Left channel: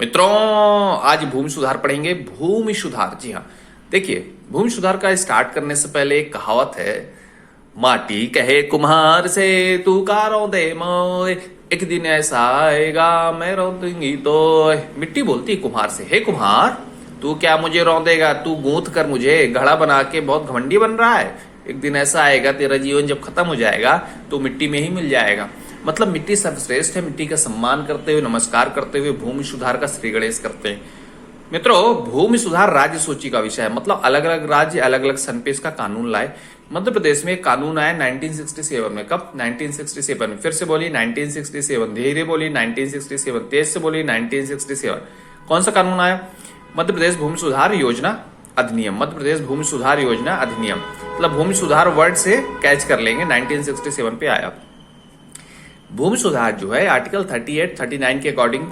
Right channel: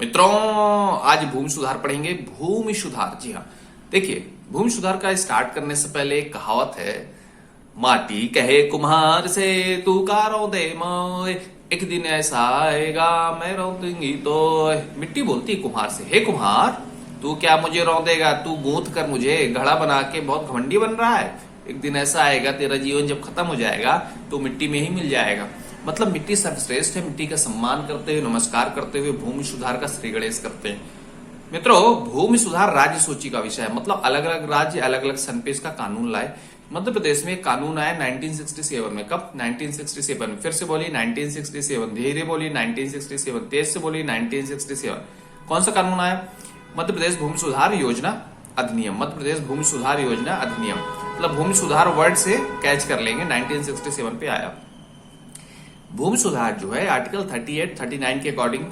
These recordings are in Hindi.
मित्रों, आज भूमि सुधार पढ़ेंगे। भूमि सुधार, जी हाँ। देखिए, भूमि सुधार का स्टार्ट करने से पहले एक कहावत है, माटी कहे कुम्हार से तू का रौंदे मोय, एक दिन ऐसा आएगा मैं रौंदूंगी तो। मिट्टी बोलती है कुम्हार से, हे कुम्हार, तू क्या मुझे रौंदेगा? तू गूंथ कर मुझे घड़ा बना के बहुत घमंडी बन रहा है। एक दिन ऐसा आएगा, तेरा जीवन जब खत्म हो जाएगा तो मिट्टी में ही मिल जाएगा। मतलब मिट्टी सर्वश्रेष्ठ है। मिट्टी का सम्मान करते हुए, नमस्कार करते हुए भूमि सुधार का श्री गणेश करते हैं। मित्रों, भूमि सुधार राज्य सूची का विषय है। मतलब अलग अलग राज्य अलग अलग सन पे इसका कानून लाए। मध्य प्रदेश में एक कानून आया 1967 में। कब? 1967। फिर से बोली 1967, धीरे बोली 1967, तेज से बोली 1967। कौन सा कानून आया? मध्य प्रदेश भूमि सुधार योजना अधिनियम। मध्य प्रदेश भूमि सुधार योजना अधिनियम। मतलब भूमि सुधार वर्ड से कैच कर लेंगे, 1967 पे आया। भूमि सुधार जो है आर्टिकल 38, 39 के अकॉर्डिंग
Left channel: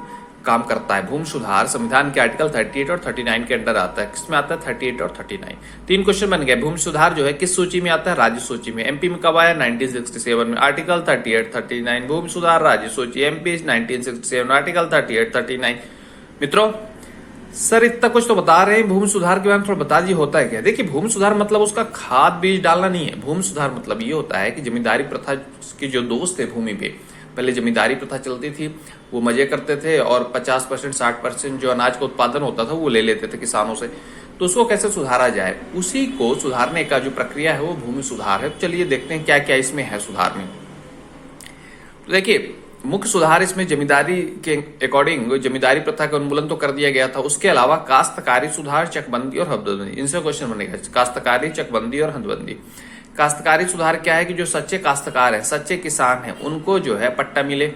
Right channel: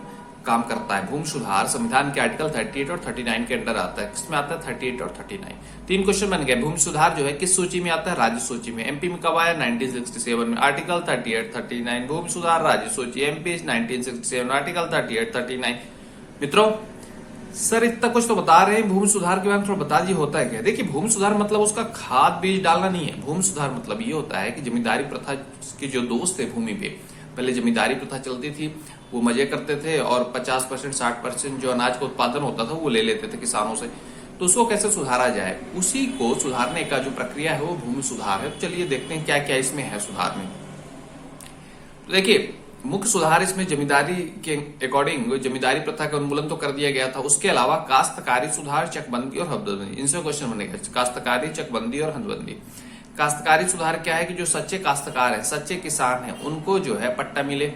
काम करता है। भूमि सुधार संविधान के आर्टिकल 38 और 39 के अंडर आता है। किसमें आता है? 38 और 39। तीन क्वेश्चन बन गए। भूमि सुधार जो है किस सूची में आता है? राज्य सूची में। एमपी में कब आया? 1967 में। आर्टिकल 38, 39 भूमि सुधार राज्य सूची। MP 1967, article 38, 39। मित्रों, सर इतना कुछ तो बता रहे हैं, भूमि सुधार के बारे में थोड़ा बता दीजिए होता है क्या। देखिए, भूमि सुधार मतलब उसका खाद बीज डालना नहीं है। भूमि सुधार मतलब ये होता है कि जमींदारी प्रथा के जो दोस्त थे भूमि पे, पहले जमींदारी प्रथा चलती थी, वो मजे करते थे और 50%, 60% जो अनाज का उत्पादन होता था वो ले लेते थे किसानों से। तो उसको कैसे सुधारा जाए, उसी को सुधारने का जो प्रक्रिया है वो भूमि सुधार है। चलिए देखते हैं क्या क्या इसमें है सुधार में। तो देखिए, मुख्य सुधार इसमें जमींदारी के अकॉर्डिंग जमींदारी प्रथा का उन्मूलन तो कर दिया गया था। उसके अलावा काश्तकारी सुधार, चकबंदी और हदबंदी, इनसे क्वेश्चन बनेगा। काश्तकारी, चकबंदी और हदबंदी। काश्तकारी सुधार क्या है कि जो सच्चे काश्तकार हैं, सच्चे किसान हैं, उनको जो है पट्टा मिले।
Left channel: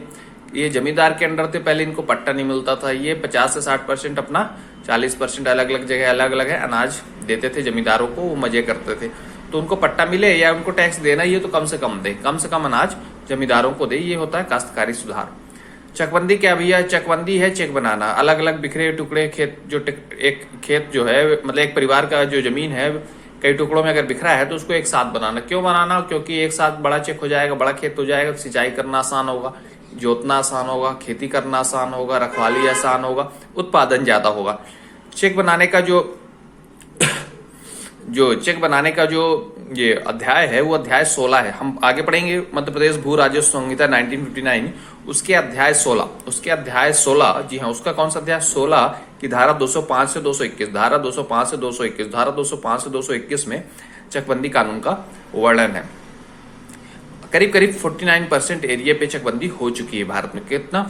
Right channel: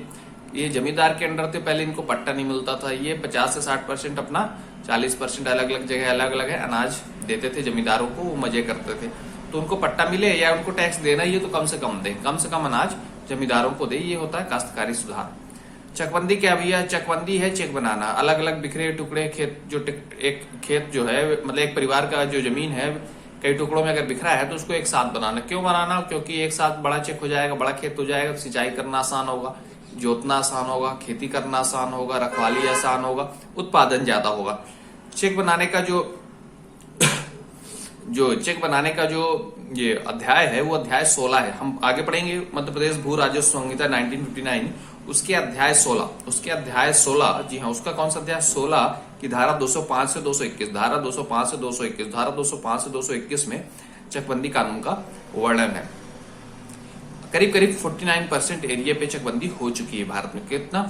ये जमींदार के अंडर थे, पहले इनको पट्टा नहीं मिलता था। ये 50 से 60% अपना, 40% अलग अलग जगह अलग अलग है अनाज देते थे जमींदारों को, वो मजे करते थे। तो उनको पट्टा मिले या उनको टैक्स देना ही है तो कम से कम दे, कम से कम अनाज जमींदारों को दे। ये होता है काश्तकारी सुधार। चकबंदी क्या भैया? चकबंदी है चेक बनाना। अलग अलग बिखरे टुकड़े खेत, जो एक खेत जो है, मतलब एक परिवार का जो जमीन है कई टुकड़ों में अगर बिखरा है तो उसको एक साथ बनाना। क्यों बनाना? क्योंकि एक साथ बड़ा चेक हो जाएगा, बड़ा खेत हो जाएगा, सिंचाई करना आसान होगा, जोतना आसान होगा, खेती करना आसान होगा, रखवाली आसान होगा, उत्पादन ज्यादा होगा। चेक बनाने का चेक बनाने का जो ये अध्याय है वो अध्याय 16 है। हम आगे पढ़ेंगे मध्य प्रदेश भू राजस्व संहिता 1959, उसके अध्याय 16, उसके अध्याय 16, जी हाँ, उसका कौन सा अध्याय? 16 की धारा 205 से 221, धारा 205 से 221, धारा 205 से 221 में चकबंदी कानून का वर्णन है। करीब करीब 49% एरिया पे चकबंदी हो चुकी है भारत में। कितना?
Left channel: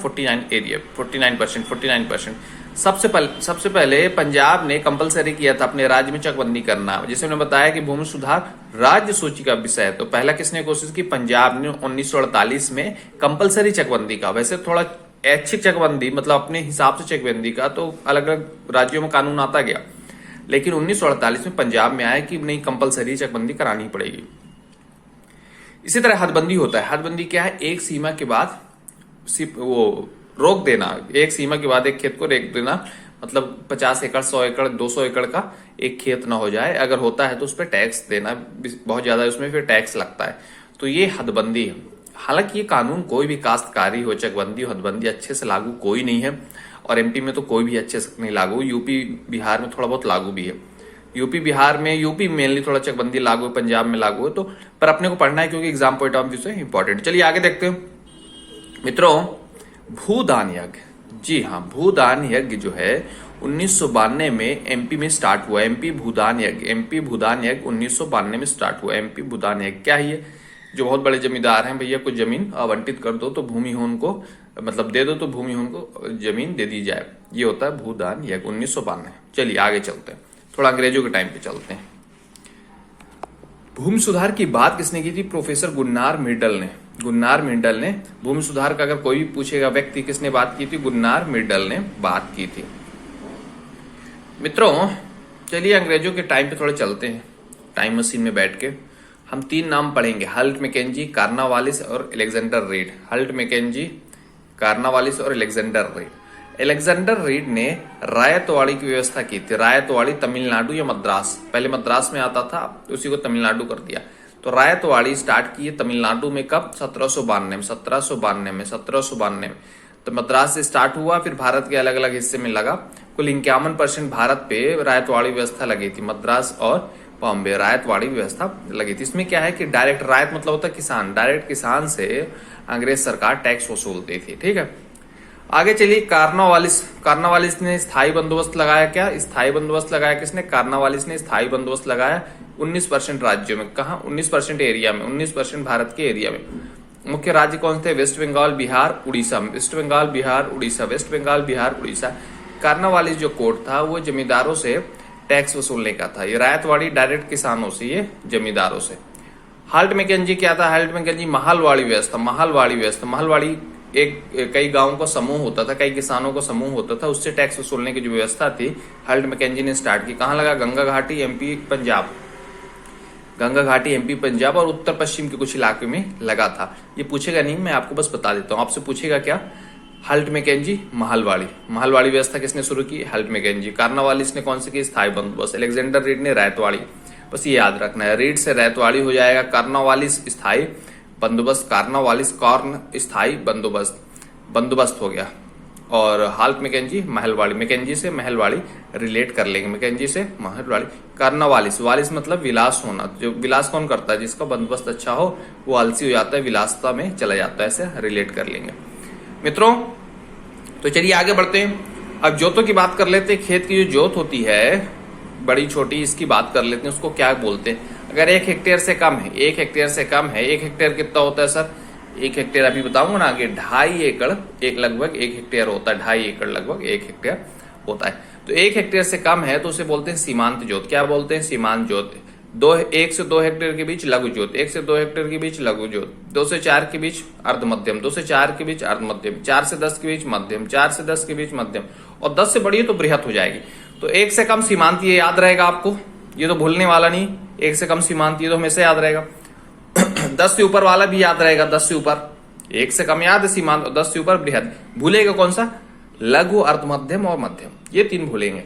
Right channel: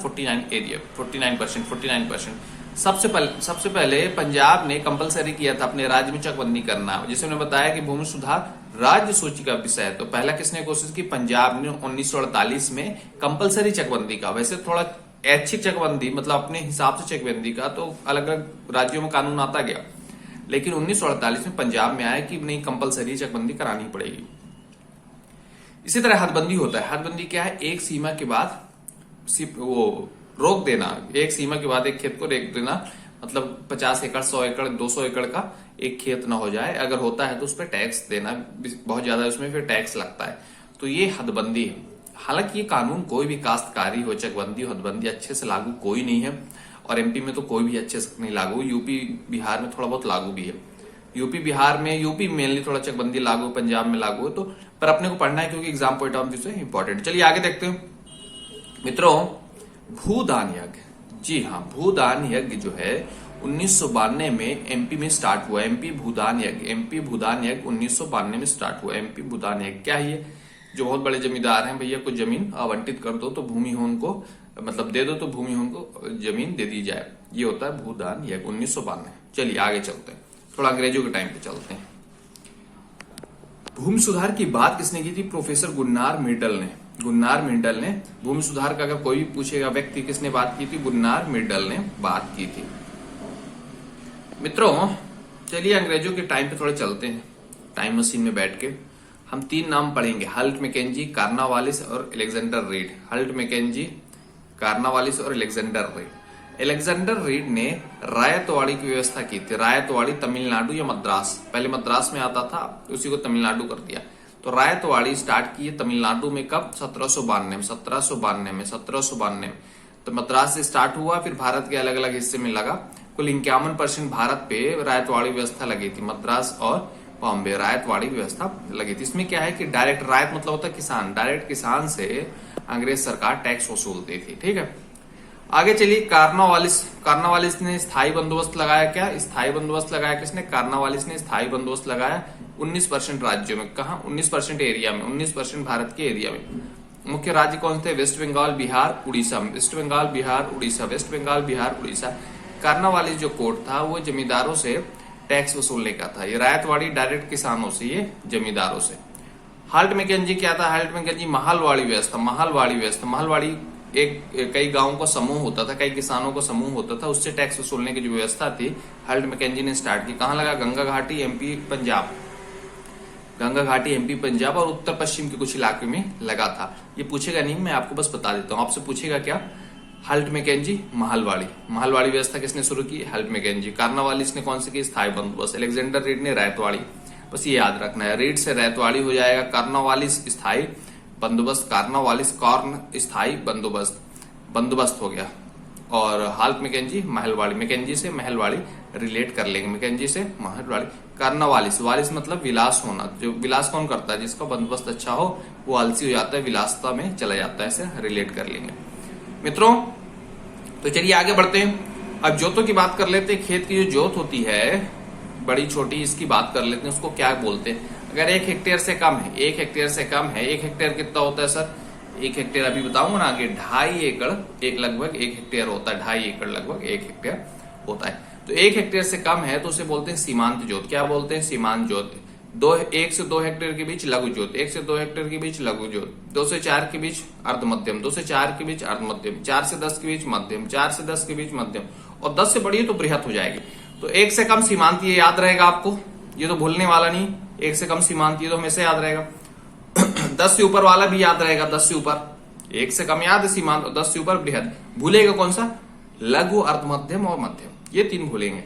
49%। सबसे पहले पंजाब ने कंपलसरी किया था अपने राज्य में चकबंदी करना। जैसे मैंने बताया कि भूमि सुधार राज्य सूची का विषय है, तो पहला किसने कोशिश की? पंजाब ने 1948 में कंपलसरी चकबंदी का। वैसे थोड़ा ऐच्छिक चकबंदी, मतलब अपने हिसाब से चकबंदी का तो अलग अलग राज्यों में कानून आता गया, लेकिन 1948 में पंजाब में आया कि नहीं, कंपलसरी चकबंदी करानी पड़ेगी। इसी तरह हदबंदी होता है। हदबंदी क्या है? एक सीमा के बाद वो रोक देना, एक सीमा के बाद एक खेत को रोक देना। मतलब 50 एकड़, 100 एकड़, 200 एकड़ का एक खेत ना हो जाए। अगर होता है तो उस पर टैक्स देना, बहुत ज्यादा उसमें फिर टैक्स लगता है। तो ये हदबंदी है। हालांकि ये कानून कोई भी काश्तकारी हो, चकबंदी हो, हदबंदी अच्छे से लागू कोई नहीं है। और एमपी में तो कोई भी अच्छे से नहीं लागू। यूपी बिहार में थोड़ा बहुत लागू भी है। यूपी मेनली थोड़ा चकबंदी लागू है, पंजाब में लागू है। तो पर अपने को पढ़ना है क्योंकि एग्जाम पॉइंट ऑफ व्यू से इंपॉर्टेंट। चलिए आगे देखते हैं। मित्रों, भूदान यज्ञ, जी हाँ, भूदान यज्ञ जो है 1992 में एमपी में स्टार्ट हुआ। एमपी भूदान यज्ञ 1992 में स्टार्ट हुआ। एमपी भूदान यज्ञ क्या है? जो बहुत बड़े जमींदार हैं, भैया कुछ जमीन आवंटित कर दो तो भूमि हो उनको, मतलब दे दो तो भूमि हो उनको जमीन दे दी जाए। ये होता है भूदान यज्ञ 1992। चलिए आगे चलते हैं, थोड़ा अंग्रेजों के टाइम पे चलते हैं। भूमि सुधार की बात किसने की थी? प्रोफेसर गुन्नार मिर्डल ने। गुन्नार मिर्डल ने भूमि सुधार का अगर कोई भी पूछेगा व्यक्ति किसने बात की थी, गुन्नार मिर्डल ने बात की थी। मित्रों, चलिए अंग्रेजों के टाइम पे थोड़े चलते हैं। टाइम मशीन में बैठ के हम 3 नाम पढ़ेंगे, हल्ट मैकेंजी, कार्नावालिस और अलेक्जेंडर रीड। हल्ट मैकेंजी, कार्नावालिस और अलेक्जेंडर रीड। अलेक्जेंडर रीड ने रायतवाड़ी की व्यवस्था की थी। रायतवाड़ी तमिलनाडु या मद्रास, पहले मद्रास में आता था, उसी को तमिलनाडु कर दिया। तो रायतवाड़ी स्टार्ट की है तमिलनाडु में कब? 1792 में। तो मद्रास से स्टार्ट हुआ, फिर भारत के अलग अलग हिस्से में लगा। कुल 51% भारत पे रायतवाड़ी व्यवस्था लगी थी, मद्रास और बॉम्बे रायतवाड़ी व्यवस्था लगी थी। इसमें क्या है कि डायरेक्ट, रायत मतलब होता है किसान, डायरेक्ट किसान से अंग्रेज सरकार टैक्स वसूलती थी। ठीक है, आगे चलिए। कार्नावालिस ने स्थायी बंदोबस्त लगाया। क्या स्थायी बंदोबस्त लगाया किसने? कार्नावालिस ने स्थायी बंदोबस्त लगाया 19% राज्यों में। कहा? 19% एरिया में, 19% भारत के एरिया में। मुख्य राज्य कौन थे? West Bengal, Bihar, Orissa. West Bengal, Bihar, Orissa, West Bengal, Bihar, Orissa. Cornwallis जो कोड था वो जमींदारों से टैक्स वसूलने का था। ये रायतवाड़ी डायरेक्ट किसानों से, ये जमींदारों से। हाल्ट मैकेंजी क्या था? हाल्ट मैकेंजी महलवाड़ी व्यवस्था। महलवाड़ी एक कई गांवों का समूह होता था, कई किसानों का समूह होता था, उससे टैक्स वसूलने की जो व्यवस्था थी हाल्ट मैकेंजी ने स्टार्ट की। कहां लगा? गंगा घाटी, एमपी, पंजाब। गंगा घाटी, एमपी, पंजाब और उत्तर पश्चिम के कुछ इलाके में लगा था। ये पूछेगा नहीं, मैं आपको बस बता देता हूं। आपसे पूछेगा क्या? हाल्ट मैकेंजी, महलवाड़ी व्यवस्था किसने शुरू की? Halt McKenzie. कार्नावालिस ने कौन सी की? स्थायी बंदोबस्त। अलेक्जेंडर रीड ने रायतवाड़ी। बस ये याद रखना है, रीड से रायतवाड़ी हो जाएगा। कार्नावालिस स्थायी बंदोबस्त, कार्नावालिस कॉर्न स्थायी बंदोबस्त हो गया। और हाल्ट मैकेंजी महलवाड़ी, मैकेंजी से महलवाड़ी रिलेट कर लेंगे, मैकेंजी से महलवाड़ी। कार्नावालिस, वालिस मतलब विलास होना, जो विलास कौन करता है? जिसका बंदोबस्त अच्छा हो वो आलसी हो जाता है, विलासता में चला जाता है, ऐसे रिलेट कर लेंगे मित्रों। तो चलिए आगे बढ़ते हैं। अब जोतों की बात कर लेते हैं। खेत की जो जोत होती है बड़ी छोटी, इसकी बात कर लेते हैं, उसको क्या बोलते हैं? अगर 1 हेक्टेयर से कम है, 1 हेक्टेयर से कम है, 1 हेक्टेयर कितना होता है सर? 1 हेक्टेयर अभी बताऊंगा ना आगे, 2.5 एकड़, एक लगभग 1 हेक्टेयर होता है, 2.5 एकड़ लगभग 1 हेक्टेयर होता है। तो 1 हेक्टेयर से कम है तो उसे बोलते हैं सीमांत जोत। क्या बोलते हैं? सीमांत जोत। 1 से 2 हेक्टेयर के बीच लघु जोत, 1 से 2 हेक्टेयर के बीच लघु जोत, 2 से 4 के बीच अर्ध मध्यम, 2 से 4 के बीच अर्ध मध्यम, 4 से 10 के बीच मध्यम, 4 से 10 के बीच मध्यम, और 10 से बड़ी है तो बृहत हो जाएगी। तो 1 से कम सीमांत, ये याद रहेगा आपको, ये तो भूलने वाला नहीं। 1 से कम सीमांत ये तो हमेशा याद रहेगा। 10 से ऊपर वाला भी याद रहेगा, 10 से ऊपर। 1 से कम याद है सीमांत, 10 से ऊपर बृहद। भूलेगा कौन सा? लघु, अर्ध मध्यम और मध्यम, ये 3 भूलेंगे।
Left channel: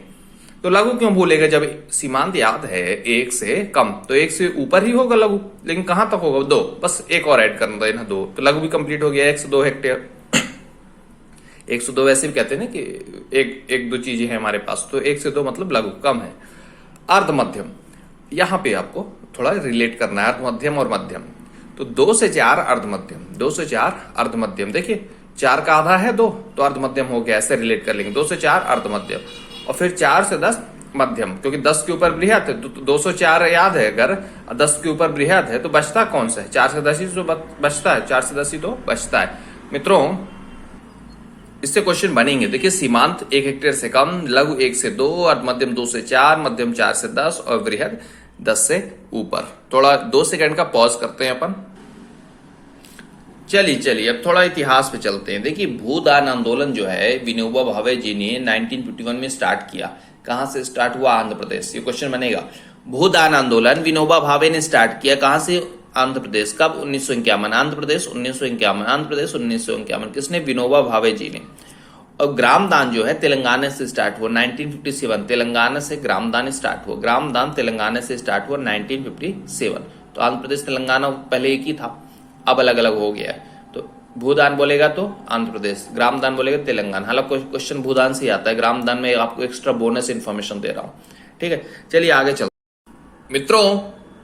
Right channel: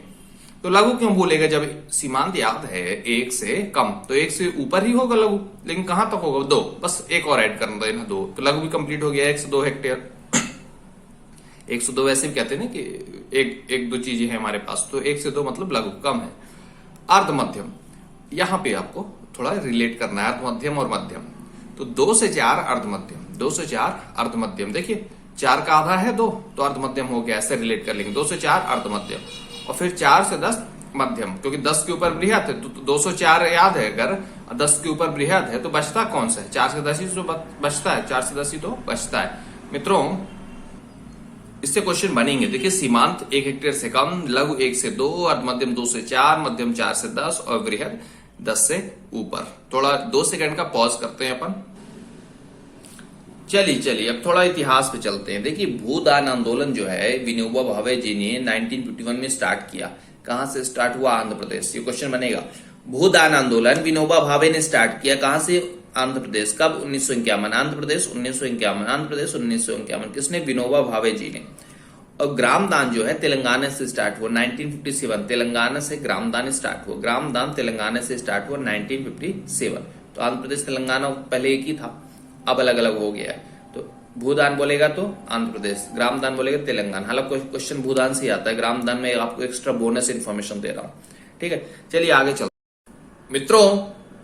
तो लघु क्यों भूलेगा? जब सीमांत याद है 1 से कम, तो 1 से ऊपर ही होगा लघु, लेकिन कहां तक होगा? 2, बस एक और ऐड करना देना, 2, तो लघु भी कंप्लीट हो गया। 1 से 2 हेक्टेयर, 1 से 2 वैसे भी कहते हैं ना कि एक दो चीजें हैं हमारे पास, तो 1 से 2 मतलब लघु, कम है। अर्ध मध्यम, यहां पे आपको थोड़ा रिलेट करना है, अर्ध मध्यम और मध्यम। तो 2 से 4 अर्ध मध्यम, 2 से 4 अर्ध मध्यम। देखिए 4 का आधा है 2, तो अर्ध मध्यम हो गया, ऐसे रिलेट कर लेंगे। 2 से 4 अर्ध मध्यम, और फिर 4 से 10 मध्यम, क्योंकि 10 के ऊपर बृहद है, तो 204 याद है। अगर 10 के ऊपर बृहद है तो बचता कौन सा है? 4 से 10 ही तो बचता है, 4 से 10 ही तो बचता है मित्रों। इससे क्वेश्चन बनेंगे। देखिए सीमांत 1 हेक्टेयर से कम, लघु 1 से 2, अर्ध मध्यम 2 से 4, मध्यम 4 से 10 और बृहद 10 से ऊपर। थोड़ा 2 सेकंड का पॉज करते हैं अपन। चलिए अब थोड़ा इतिहास पे चलते हैं। देखिए भूदान आंदोलन जो है विनोबा भावे जी ने 1951 में स्टार्ट किया। कहां से स्टार्ट हुआ? आंध्र प्रदेश। ये क्वेश्चन बनेगा। भूदान आंदोलन विनोबा भावे ने स्टार्ट किया, कहां से? आंध्र प्रदेश। कब? 1951। आंध्र प्रदेश 1951, आंध्र प्रदेश 1951। किसने? विनोबा भावे जी ने। और ग्राम दान जो है तेलंगाना से स्टार्ट हुआ 1957। तेलंगाना से ग्राम दान स्टार्ट हुआ, ग्राम दान तेलंगाना से स्टार्ट हुआ 1957। तो आंध्र प्रदेश तेलंगाना पहले एक ही था, अब अलग अलग हो गया है। तो भूदान बोलेगा तो आंध्र प्रदेश, ग्राम दान बोलेगा तेलंगाना। हालांकि क्वेश्चन भूदान से आता है, ग्राम दान में आपको एक्स्ट्रा बोनस इन्फॉर्मेशन दे रहा हूं। ठीक है, चलिए आगे चलते मित्रों।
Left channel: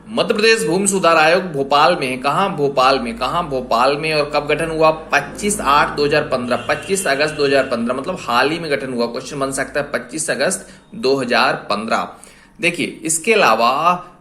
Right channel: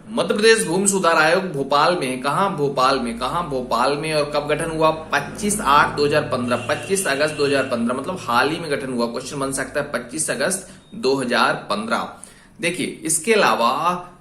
मध्य प्रदेश भूमि सुधार आयोग भोपाल में, कहा? भोपाल में। और कब गठन हुआ? 25/8/2015, 25 अगस्त 2015, मतलब हाल ही में गठन हुआ। क्वेश्चन बन सकता है 25 अगस्त 2015। देखिए इसके अलावा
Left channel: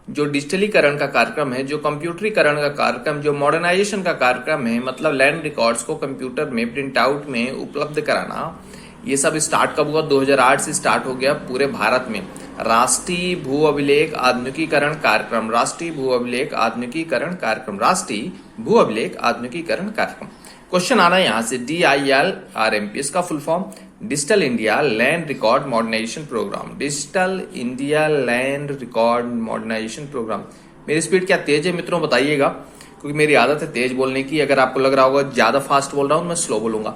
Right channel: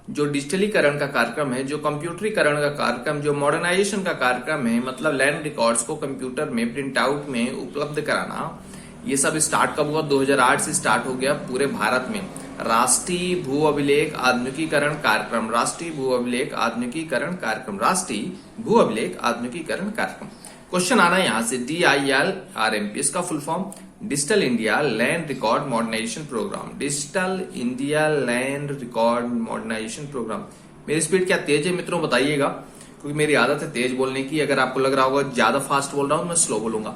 जो डिजिटलीकरण का कार्यक्रम है, जो कंप्यूटरीकरण का कार्यक्रम, जो मॉडर्नाइजेशन का कार्यक्रम है, मतलब लैंड रिकॉर्ड्स को कंप्यूटर में प्रिंट आउट में उपलब्ध कराना, ये सब स्टार्ट कब हुआ? 2008 से स्टार्ट हो गया पूरे भारत में। राष्ट्रीय भू अभिलेख आधुनिकीकरण कार्यक्रम, राष्ट्रीय भू अभिलेख आधुनिकीकरण कार्यक्रम, राष्ट्रीय भू अभिलेख आधुनिकीकरण कार्यक्रम। क्वेश्चन आना है यहां से DILRMP, इसका full form digital India land record modernisation programme, digital India land record modernisation programme. मेरी स्पीड क्या तेज है मित्रों? बताइएगा, क्योंकि मेरी आदत है तेज बोलने की। अगर आपको लग रहा होगा ज्यादा फास्ट बोल रहा हूं, मैं स्लो बोलूंगा।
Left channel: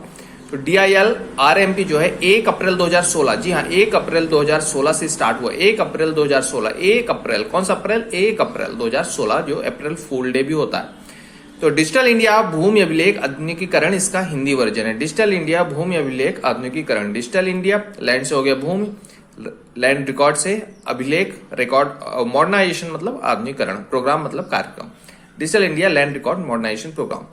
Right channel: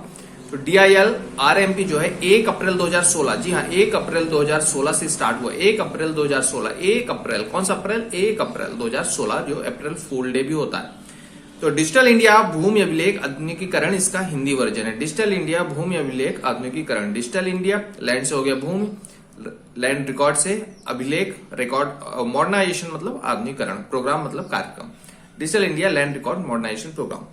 तो DILRMP जो है 1 अप्रैल 2016, जी हाँ 1 अप्रैल 2016 से स्टार्ट हुआ। 1 अप्रैल 2016, 1 अप्रैल, कौन सा अप्रैल? 1 अप्रैल 2016, जो अप्रैल फूल डे भी होता है। तो डिजिटल इंडिया भूमि अभिलेख आधुनिकीकरण इसका हिंदी वर्जन है। डिजिटल इंडिया भूमि अभिलेख आधुनिकीकरण, डिजिटल इंडिया लैंड से हो गया भूमि, लैंड रिकॉर्ड से अभिलेख, रिकॉर्ड मॉडर्नाइजेशन मतलब आधुनिकीकरण, प्रोग्राम मतलब कार्यक्रम, digital India land record modernisation programme.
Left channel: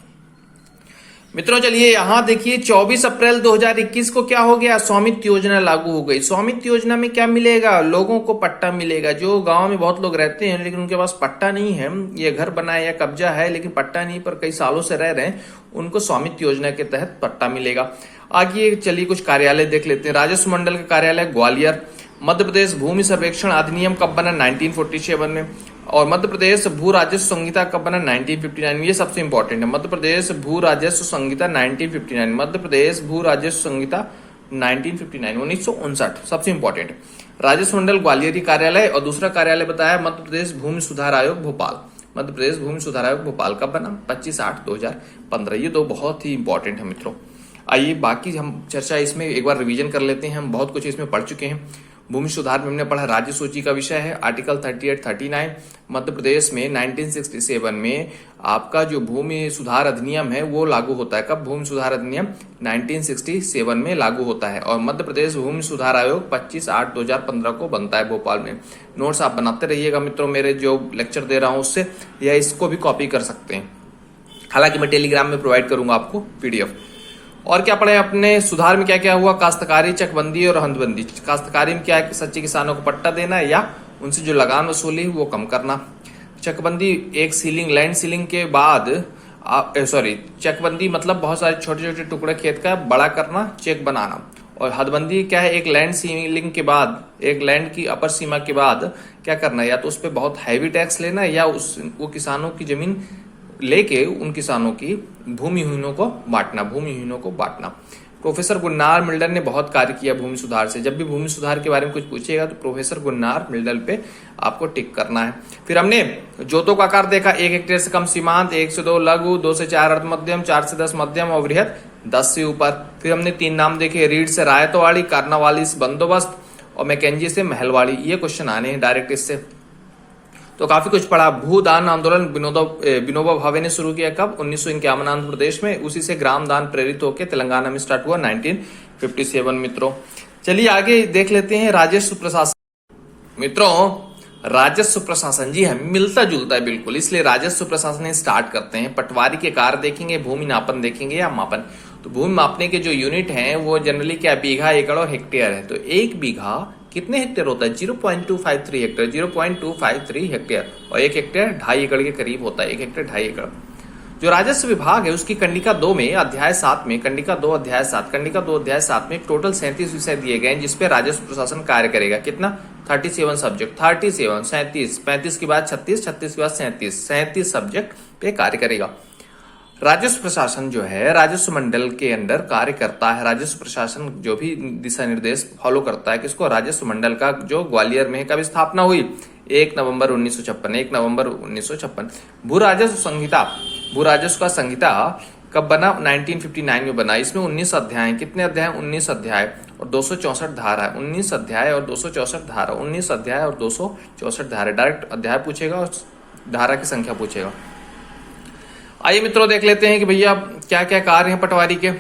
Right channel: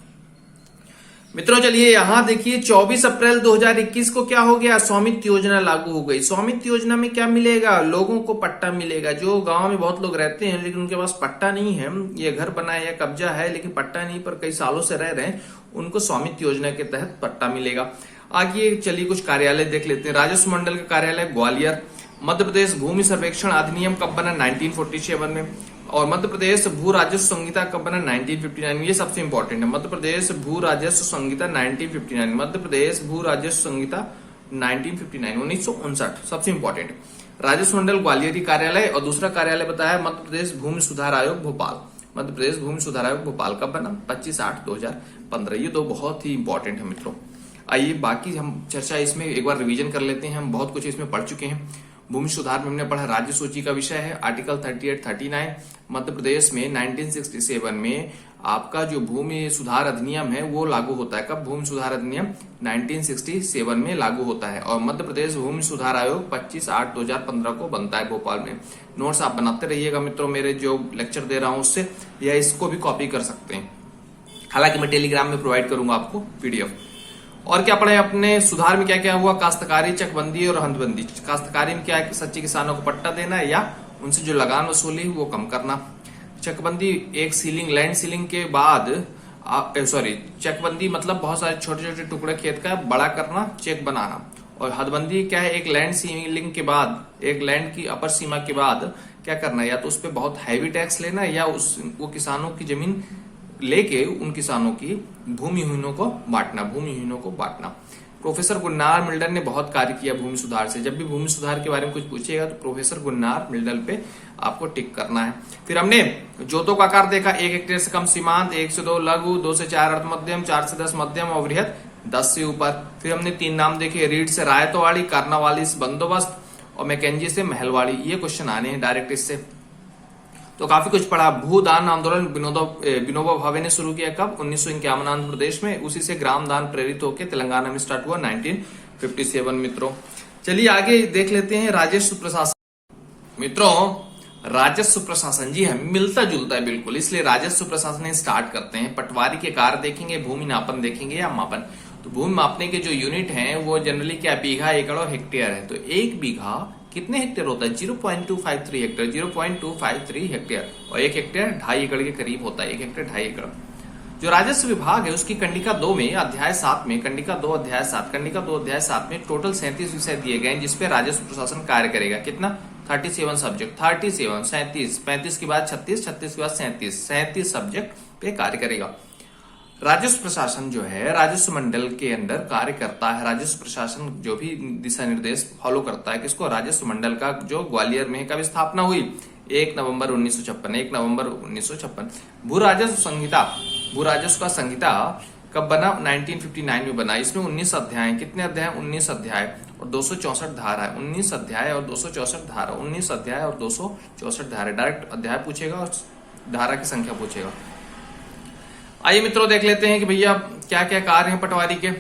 मित्रों चलिए यहां देखिए 24 अप्रैल 2021 को क्या हो गया, स्वामित्व योजना लागू हो गई। स्वामित्व योजना में क्या मिलेगा, लोगों को पट्टा मिलेगा। जो गांव में बहुत लोग रहते हैं लेकिन उनके पास पट्टा नहीं है, ये घर बना है या कब्जा है लेकिन पट्टा नहीं पर कई सालों से रह रहे हैं, उनको स्वामित्व योजना के तहत पट्टा मिलेगा। आगे चलिए कुछ कार्यालय देख लेते हैं। राजस्व मंडल का कार्यालय ग्वालियर। मध्य प्रदेश भूमि सर्वेक्षण अधिनियम कब बना, 1947 में। और मध्य प्रदेश भू राजस्व संहिता कब बना, 1959। ये सबसे इंपॉर्टेंट है, मध्य प्रदेश भू राजस्व संहिता 1959, मध्य प्रदेश भू राजस्व संहिता 1959, 1959 सबसे इंपॉर्टेंट है। राजस्व मंडल ग्वालियर कार्यालय और दूसरा कार्यालय बताया मध्य प्रदेश भूमि सुधार आयोग भोपाल। मध्य प्रदेश भूमि सुधार आयोग भोपाल कब बना, 25/8/2015। ये दो बहुत ही इंपॉर्टेंट है मित्रों। आइए बाकी हम चर्चा इसमें एक बार रिवीजन कर लेते हैं, हम बहुत कुछ इसमें पढ़ चुके हैं। भूमि सुधार में हमने पढ़ा, राज्य सूची का विषय है, आर्टिकल 38-39। मध्य प्रदेश में 1967 में आपका जो भूमि सुधार अधिनियम है वो लागू होता है। कब, भूमि सुधार अधिनियम 1967 में लागू होता है। और मध्य प्रदेश भूमि सुधार आयोग 25/8/2015 को बनता है भोपाल में। नोट्स आप बनाते रहिएगा मित्रों, मेरे जो लेक्चर दे रहा हूं उससे, या इसको भी कॉपी कर सकते हैं। हालांकि मैं टेलीग्राम में प्रोवाइड करूंगा आपको पीडीएफ। और क्या पढ़े अपने सुधार में, क्या क्या हुआ, काश्तकारी, चकबंदी और हदबंदी। काश्तकारी में क्या है कि सच्चे किसानों को पट्टा देना या उनसे जो लगान वसूली वो कम करना। चकबंदी एक सीलिंग, लैंड सीलिंग के बाद चकबंदी मतलब बहुत सारे छोटे छोटे टुकड़े खेत का बड़ा करना, चेक बनाना। और हदबंदी क्या है, एक लैंड सीलिंग के बाद, एक लैंड की अपर सीमा के बाद क्या करना, या तो उस पर बहुत हैवी टैक्स लेना या वो किसानों की जमीन लेके उन किसानों की भूमिहीनों को बांटना। प्रोफेसर गुन्नार मिल्टन ने बहुत कार्य किया भूमि सुधार से। जब भी भूमि सुधार के बारे में कुछ पूछेगा तो प्रोफेसर गुन्नार मिल्टन पे आपको टिक करना है। फिर हमने जोतों का आकार देखा, 1 हेक्टेयर से कम सीमांत, 1 से 2 लघु, 2 से 4 अर्ध मध्यम, 4 से 10 मध्यम और वृहद 10 से ऊपर। फिर हमने 3 नाम देखे, रीड से रायतवाड़ी, कार्नावाली से बंदोबस्त और मैकेंजी से महलवाड़ी। ये क्वेश्चन आने हैं डायरेक्ट इससे, तो काफी कुछ पढ़ा। भूदान आंदोलन विनोबा भावे ने शुरू किया कब, 1951 आंध्र प्रदेश में। उसी से ग्राम दान प्रेरित होकर तेलंगाना में स्टार्ट हुआ 1957 मित्रों। चलिए आगे देख लेते हैं राजस्व प्रशासन। मित्रों राजस्व प्रशासन, जी हाँ मिलता जुलता है बिल्कुल, इसलिए राजस्व प्रशासन स्टार्ट करते हैं। पटवारी के कार्य देखेंगे, भूमि नापन देखेंगे या मापन। तो भूमि मापने के जो यूनिट हैं वो जनरली क्या, बीघा, एकड़ और हेक्टेयर है। तो 1 बीघा कितने हेक्टेयर होता है, 0.253 हेक्टेयर, 0.253 हेक्टेयर। और 1 हेक्टेयर 2.5 एकड़ के करीब होता है, 1 हेक्टेयर 2.5 एकड़। जो राजस्व विभाग है उसकी कंडिका 2 में अध्याय 7 में, कंडिका 2 अध्याय 7 में टोटल 37 विषय दिए गए हैं जिसपे राजस्व प्रशासन कार्य करेगा। कितना, 37 सब्जेक्ट, 37, 37, 35 के बाद 36, 36 के बाद 37 सब्जेक्ट पे कार्य करेगा। राजस्व प्रशासन जो है राजस्व मंडल के अंडर कार्य करता है। राजस्व प्रशासन जो भी दिशा निर्देश फॉलो करता है किसको, राजस्व मंडल का, जो ग्वालियर में कब स्थापना हुई, 1 नवंबर 1956। भू राजस्व संहिता, भू राजस्व का संहिता कब बना, 1959 में बना। इसमें 19 अध्याय, कितने अध्याय, 19 अध्याय और 264 धारा है। 19 अध्याय और 264 धारा, 19 अध्याय और 264 धारा। डायरेक्ट अध्याय पूछेगा और धारा की संख्या पूछेगा। आइए मित्रों देख लेते हैं कि भैया क्या क्या कार्य हैं पटवारी के।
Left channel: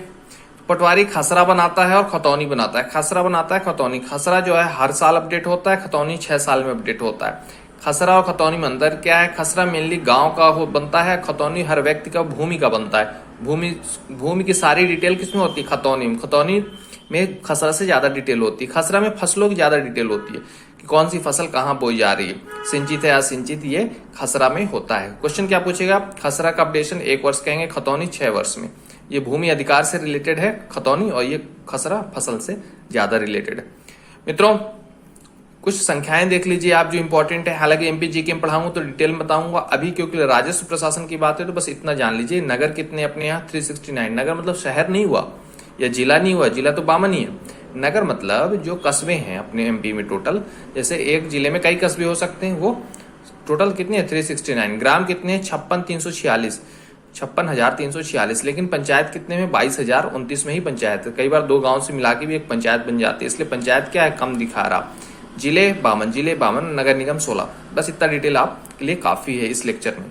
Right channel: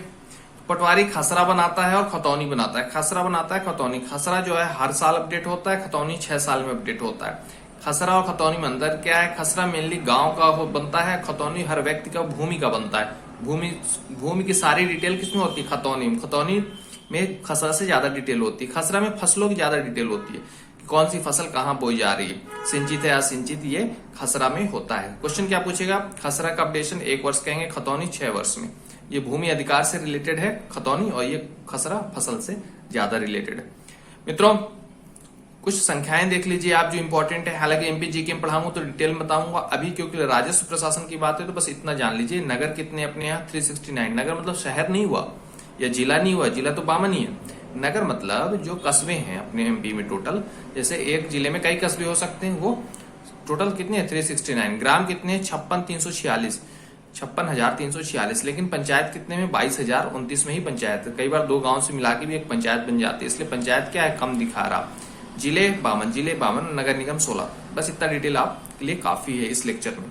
पटवारी खसरा बनाता है और खतौनी बनाता है। खसरा बनाता है, खतौनी। खसरा जो है हर साल अपडेट होता है, खतौनी 6 साल में अपडेट होता है। खसरा और खतौनी में अंतर क्या है, खसरा मेनली गांव का बनता है, खतौनी हर व्यक्ति का भूमि का बनता है। भूमि की सारी डिटेल किसमें होती है, खतौनी में। खतौनी में खसरा से ज्यादा डिटेल होती है। खसरा में फसलों की ज्यादा डिटेल होती है कि कौन सी फसल कहाँ बोई जा रही है, सिंचित है या सिंचित, ये खसरा में होता है। क्वेश्चन क्या पूछेगा, खसरा का अपडेशन 1 वर्ष कहेंगे, खतौनी 6 वर्ष में। ये भूमि अधिकार से रिलेटेड है खतौनी, और ये खसरा फसल से ज्यादा रिलेटेड है। मित्रों कुछ संख्याएं देख लीजिए आप जो इंपॉर्टेंट है। हालांकि एमपी जीके में पढ़ाऊंगा तो डिटेल में बताऊंगा, अभी क्योंकि राजस्व प्रशासन की बात है तो बस इतना जान लीजिए। नगर कितने अपने यहाँ, 369। नगर मतलब शहर नहीं हुआ या जिला नहीं हुआ, जिला तो बामन ही है। नगर मतलब जो कस्बे हैं अपने एमपी में टोटल, जैसे एक जिले में कई कस्बे हो सकते हैं, वो टोटल कितने हैं, 369। ग्राम कितने हैं, 56,346, लेकिन पंचायत कितने में, 22,029 में ही पंचायत है। कई बार 2 गांव से मिला के भी एक पंचायत बन जाती है, इसलिए पंचायत क्या है, कम दिखा रहा। जिले 52, नगर निगम 16। बस इतना डिटेल आपके लिए काफी है इस लेक्चर में।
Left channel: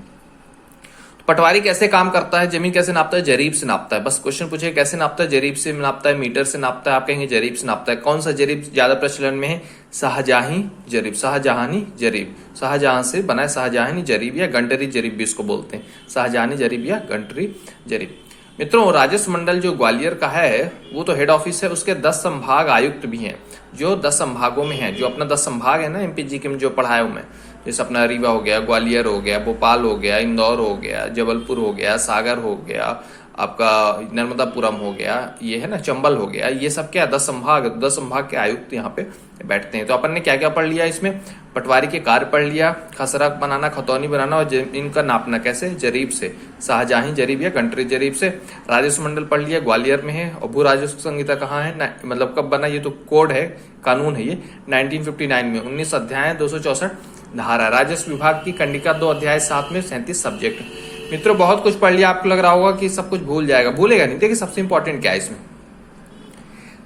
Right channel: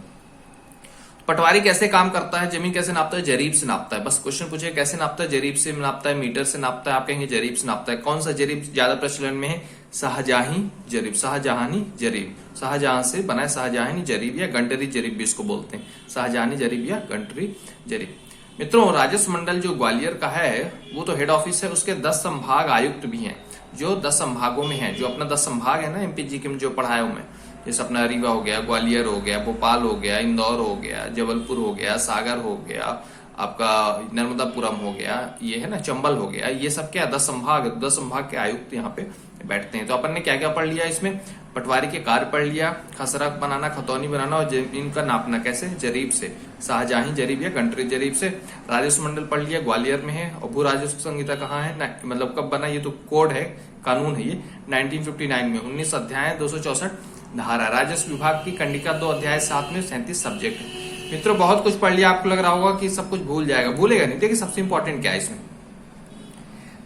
पटवारी कैसे काम करता है, जमीन कैसे नापता है, जरीब से नापता है। बस क्वेश्चन पूछे कैसे नापता है, जरीब से नापता है, मीटर से नापता है, आप कहेंगे जरीब से नापता है। कौन सा जरीब ज्यादा प्रचलन में है, शाहजहानी जरीब, शाहजहानी जरीब, शाहजहां से बना है शाहजहानी जरीब या गंटरी जरीब भी इसको बोलते हैं, शाहजहानी जरीब या गंटरी जरीब। मित्रों, राजस्व मंडल जो ग्वालियर का है वो तो हेड ऑफिस है, उसके 10 संभाग आयुक्त भी हैं जो 10 संभागों में है। जो अपना 10 संभाग है ना एमपीजी के में जो पढ़ाया हूं मैं, जैसे अपना रीवा हो गया, ग्वालियर हो गया, भोपाल हो गया, इंदौर हो गया, जबलपुर हो गया, सागर हो गया, आपका नर्मदापुरम हो गया, ये है ना चंबल हो गया, ये सब क्या 10 संभाग, 10 संभाग के आयुक्त यहाँ पे बैठते हैं। तो अपन ने क्या क्या पढ़ लिया इसमें, पटवारी के कार्य पढ़ लिया, खसरा बनाना, खतौनी बनाना और इनका नापना कैसे, जरीब से, शाहजहां जरीब या गंटरी जरीब से। राजस्व मंडल पढ़ लिया, ग्वालियर में है। और भू राजस्व संहिता कहाँ है, मतलब कब बना, ये तो कोड है, कानून है ये 1959 में, 19 अध्याय 264 धारा। राजस्व विभाग की कंडिका 2 अध्याय 7 में 37 सब्जेक्ट। मित्रों बहुत कुछ पढ़ लिया, आपको लग रहा होगा कि सब कुछ भूल जाएगा, भूलेगा नहीं। देखिए सबसे इंपॉर्टेंट क्या है इसमें,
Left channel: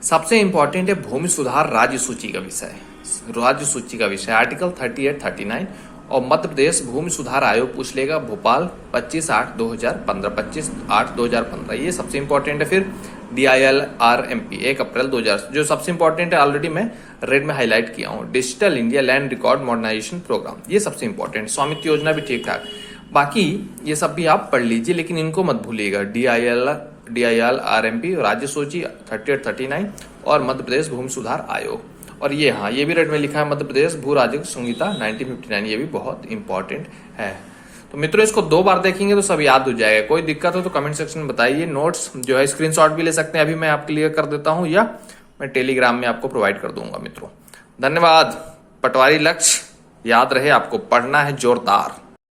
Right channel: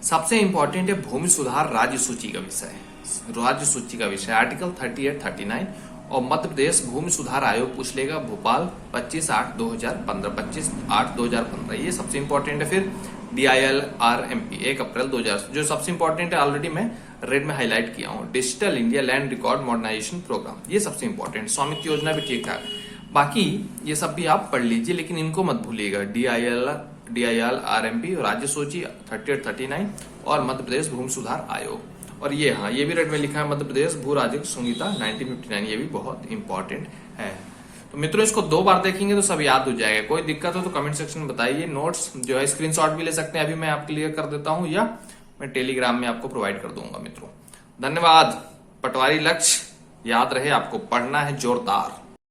सबसे इंपॉर्टेंट है भूमि सुधार राज्य सूची का विषय, राज्य सूची का विषय आर्टिकल 38, 39। और मध्य प्रदेश भूमि सुधार आयोग पूछ लेगा, भोपाल 25/8/2015, 25/8/2015, ये सबसे इंपॉर्टेंट है। फिर DILRMP 1 अप्रैल 2000, जो सबसे इंपॉर्टेंट है ऑलरेडी मैं रेड में हाईलाइट किया हूं, digital India land record modernisation programme, ये सबसे इंपॉर्टेंट। स्वामित्व योजना भी ठीक ठाक, बाकी ये सब भी आप पढ़ लीजिए, लेकिन इनको मत भूलिएगा। DILRMP राज्य सूची 38, 39 और मध्य प्रदेश भूमि सुधार आयोग। और ये हाँ, ये भी रेड में लिखा है मध्य प्रदेश भू राजस्व संहिता 1959, ये भी बहुत इंपॉर्टेंट है। तो मित्रों इसको 2 बार देखेंगे तो सब याद हो जाएगा। कोई दिक्कत हो तो कमेंट सेक्शन में बताइए। नोट्स जो है स्क्रीनशॉट भी ले सकते हैं, अभी मैं आपके लिए कर देता हूं, या मैं टेलीग्राम में आपको प्रोवाइड कर दूंगा। मित्रों धन्यवाद। पटवारी लक्ष्य याद रहे, आपको पढ़ना है जोरदार।